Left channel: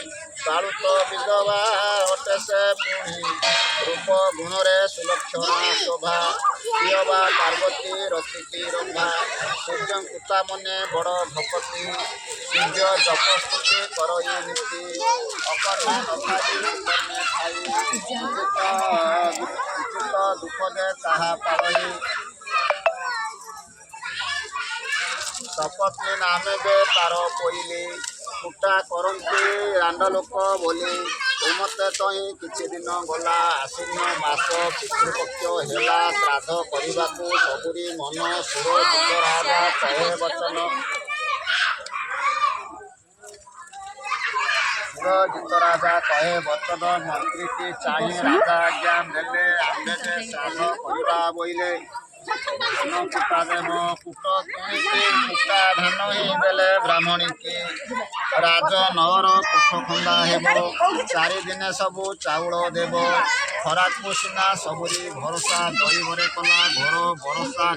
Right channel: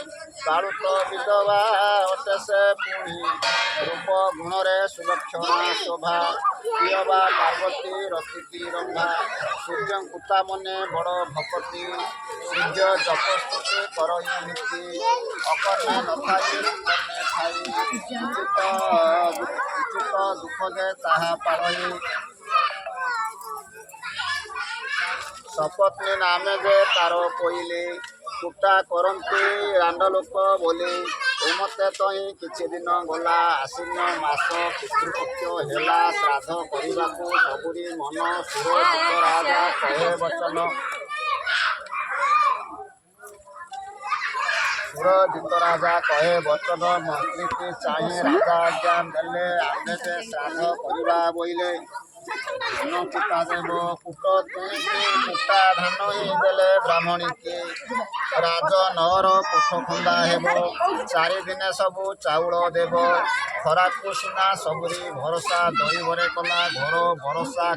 बालुत विधवा अटे से पुणी रूप गुणरे सुलक्षणा शोभा प्रियवा पार्वती रसिकी रंभा सूर्य कुता मने बड़ भपति सूर्य जपस्तुति करई नीति अकर्मे नथाई कर्मे खाई उचित दुख जे ताहा पालई सपत्नी नामे जे तार कोइली कुटा करती रांड लोक बोली एमते तई किछि दिन गला आश्विन मास पितृपक्ष हेला श्राद्ध करने सबुरी मन सुर राजा कहे वचन सुर राजा कहे वचन मंत्री की चाहे राजा आज्ञा देले आमे जे श्राद्ध करवा बोइले धन कुटा देव कुट कुटा धन ही देले ब्राह्मणी की राज नगर कुठ खुंदा हेब चारि दिने सबू चाउल देव खरा को सिना सबुरी भरोसा दही भरे कला घर भरोसा